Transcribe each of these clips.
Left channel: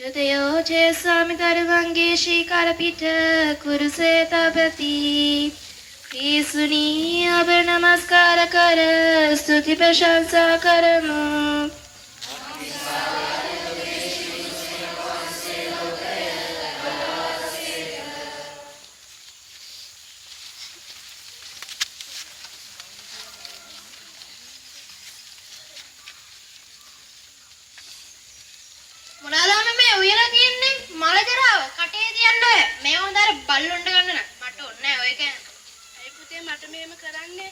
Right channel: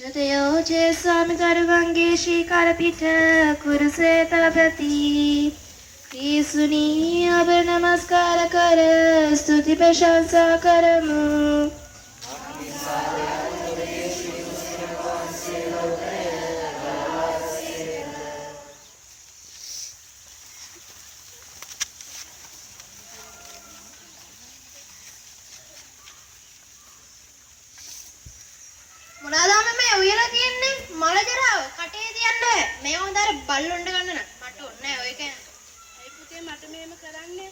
චතයෝ චේසාමි දරුවන්ගේ ශීකරපිට කුරුසේ තබති පිසුනී අප නමස්කාර කර ස්තුති ප්‍රශංසා කරමු. මොනවාද මේ උයලා තියන්නේ මල ජරාව කටේ තියන්න මේ හොඳට බල්ලොන්ඩ ගන්න නෑ මට ඕනේ නෑ ඔය කෑම. අයි පුතේ මට මෙහෙම කරන්නේ.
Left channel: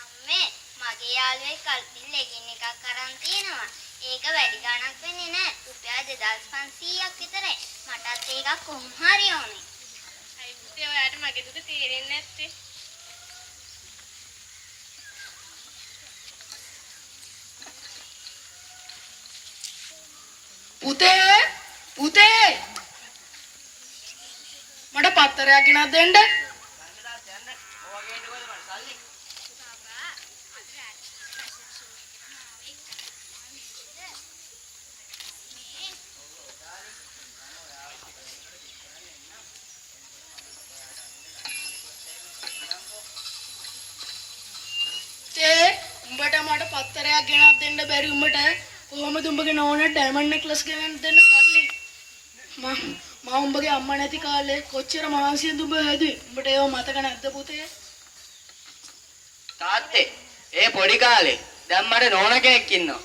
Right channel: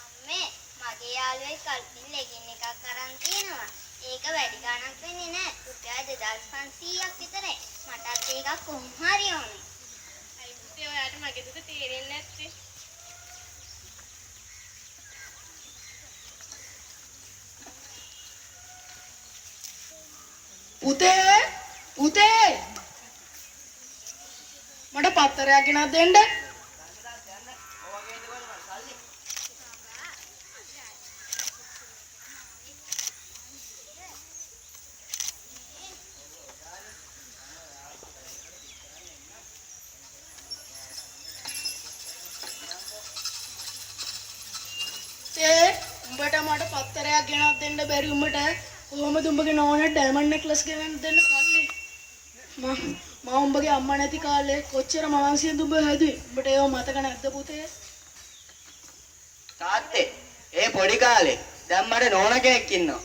අම්මේ මගේ යාළුවෙක් කල්පින් ලෙගින් එකක් අරන් තියෙනවා. ඒක වැඩි ගණක් වෙන්නේ නෑ. රුපියල් 2500ක් විතරයි. මටත් ඒකක් කොහොම හරි ඕනේ. අයි පුතේ ඔයාට මගේ දුක තේරෙන්නේ නැත්තේ. පුතේ මට පත්තරයක් ගෙනත් දෙන්න. උඹට මට පත්තරයක් ගෙනත් දෙන්න බැරි උඹට කොහොමද උඹගේ නෝනට ඩයමන්ඩ් නෙක්ලස් ගෙනත් දෙන්න කල්ලි? මම උඹගේ අම්මා නැති කාලේ කොච්චර මහන්සියෙන්ද උඹ හැදුවේ? උඹට ඒව මතක නැද්ද පුතේ? තාත්තේ ඒ පොඩි කාලේ දැන් මට නෝන කෙනෙක් ඉන්නවා.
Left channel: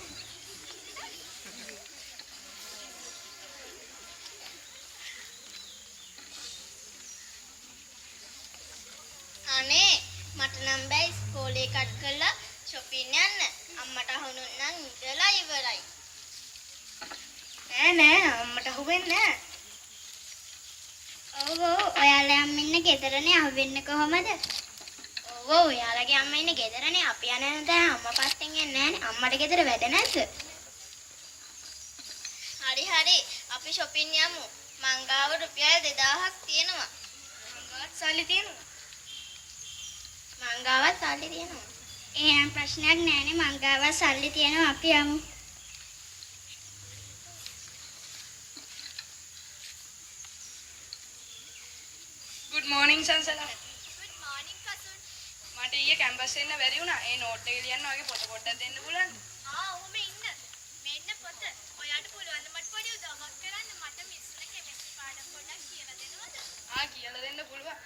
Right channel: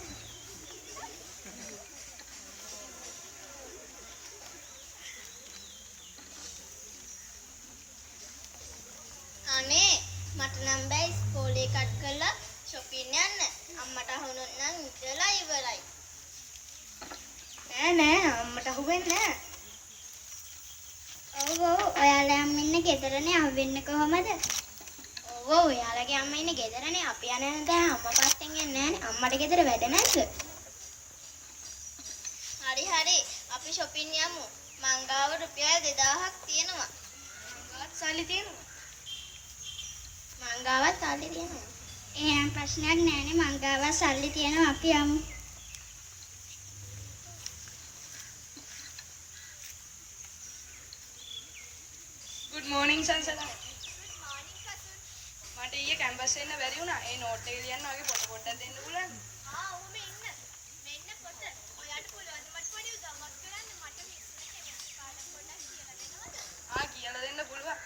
අනේ මට නම් බෑ ඉස්කෝලේ කට් කරලා shopping යන්න. අම්මට අහුනොත් නම් ඉඳලා ඉවරයි. නෑ අම්මට අහුවෙන්නේ නෑ. ඔව් ඔයාලා අම්ම ඉන්න ගෙදරනේ අහුවෙන්නේ කොහමද? ඔව් ඔයාලගේ අම්මා ඉන්නේ ගෙදරනේ. අපි යන්නේ දැන් අම්මා පස්සෙන් එන්නේ නෑනේ. අම්මට ගෙදර වැඩ නැද්ද? හරි අපි shopping යමු. මං ගාව රුපියල් 2000ක් තියෙනවා. මංගාවත් සල්ලි තියෙනවා. මංගාවත් සල්ලි තියෙනවා. එහෙනම් ප්‍රශ්නයක් නෑනේ මං ගාව සල්ලි තියෙනවා අපි යමු. good morning සංසලා. good morning Kasun. මට ඊයේ කැම්පස් එන්න බැරි වුණා. ඒ නෝට් එක ලියන්න වගේ පොත පොඩ්ඩක් දෙන්න පුළුවන්ද? ඔහොම ඉන්න. මෙන්න පොත. ඔයාට පුළුවන් මට පොඩි උදව්වක් කරන්න. මට මිස්ලා කෙමිස්ට්‍රි පාඩම් පොඩ්ඩක් කියලා දෙනවද? කියලා දෙන්න පුළුවන්.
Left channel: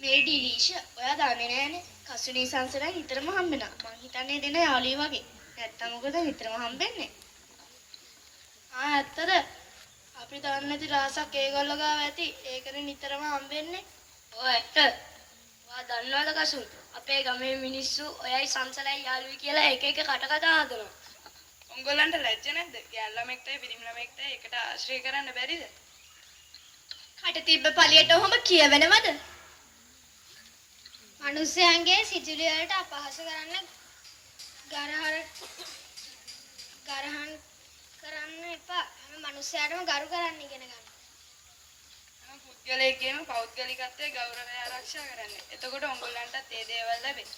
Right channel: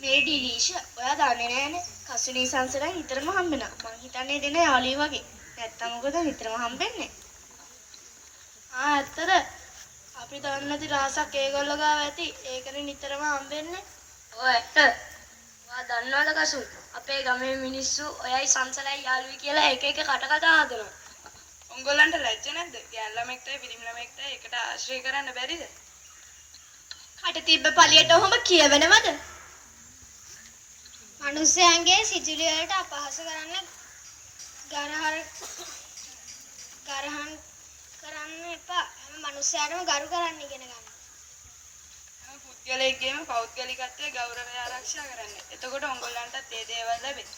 මේ ඩිලීෂ ඔයා දන්නේ නෑනේ. කසුනී සංසලෙන් නිතරම හම්බෙනවා. මං හිතන්නේ දෙන යාළුවෝ වගේ. නැත්තම් මොකද නිතරම හම්බෙන්නේ? ඇත්තද? අපි දන්නේ නැති රහසක් ඒගොල්ලෝ ගාව ඇති. ඒකනේ නිතරම හම්බෙන්නේ. ඔව් ඇත්ත. ඔයා දන්නවද කසුන්? අපේ ගමේ මිනිස්සු ඔයයි සංසලයි යාළුවයි කියලා එක එක කට කතා හදනවා. උංගලන්ට ලැජ්ජ නැද්ද? ගෑන් ළමෙක්ට පිරිමි ළමෙක්ට එකට ආශ්‍රය කරන්න බැරිද? කට තිබ්බ පළියට ඔහොම කියවෙනවද? මිනිස්යන්ගේ සිතුවිලි වලට අපහාස කරන්න ගරහන් කරන්න එපා. හැම මිනිස්යාටම ගරු කරන්න ඉගෙන ගන්න. හැම පුද්ගලයෙක්ගේම පෞද්ගලිකත්වයේ ගෞරවය ආරක්ෂා කරන්න. එතකොට උංගලන්ටත් ඒ දේවල් ලැබෙයි.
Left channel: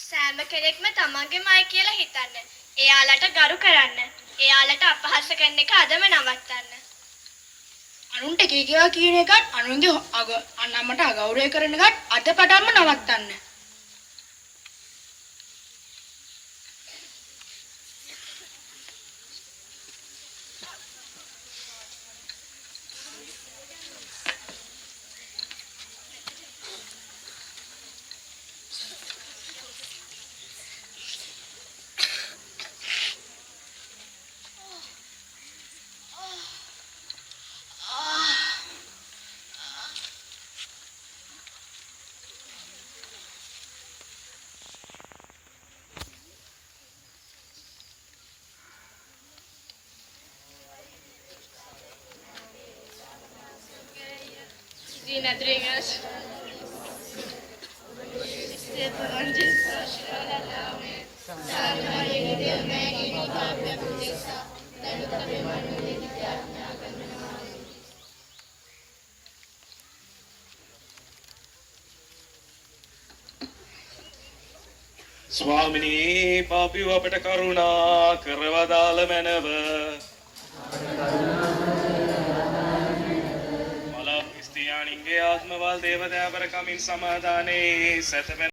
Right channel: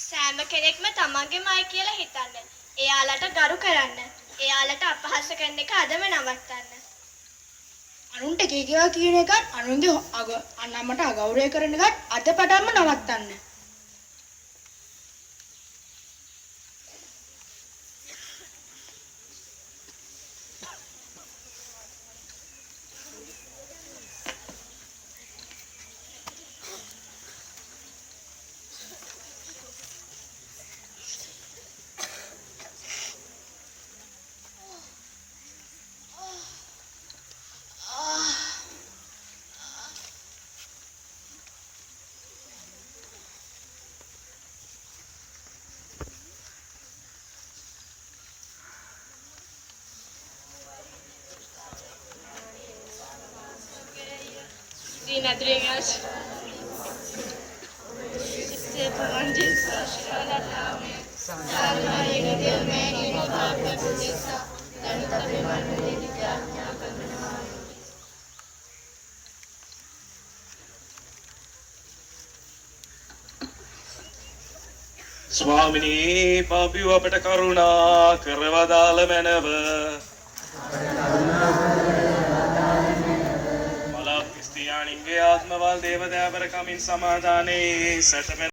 සෑම කෙනෙක්ම තමන්ගේමයි කියලා හිතන්න. එයාලට ගරු කරන්න. එයාලට අපහාස කරන එක අදම නවත්තන්න. අනුන්ට කීකියා කියන එකත් අනුන්ගේ අන්නමට අගෞරවය කරන එකත් අද පටන්ම නවත්තන්න. Nadrinhas. ස්වාමිනී පාපිව අපට කරුණා කරවදාල මැනව. මල ක්‍රිස්තියානින්ගේ ආත්මවල් දේවදෑවර කමින් සමාදානයේ සැතපෙන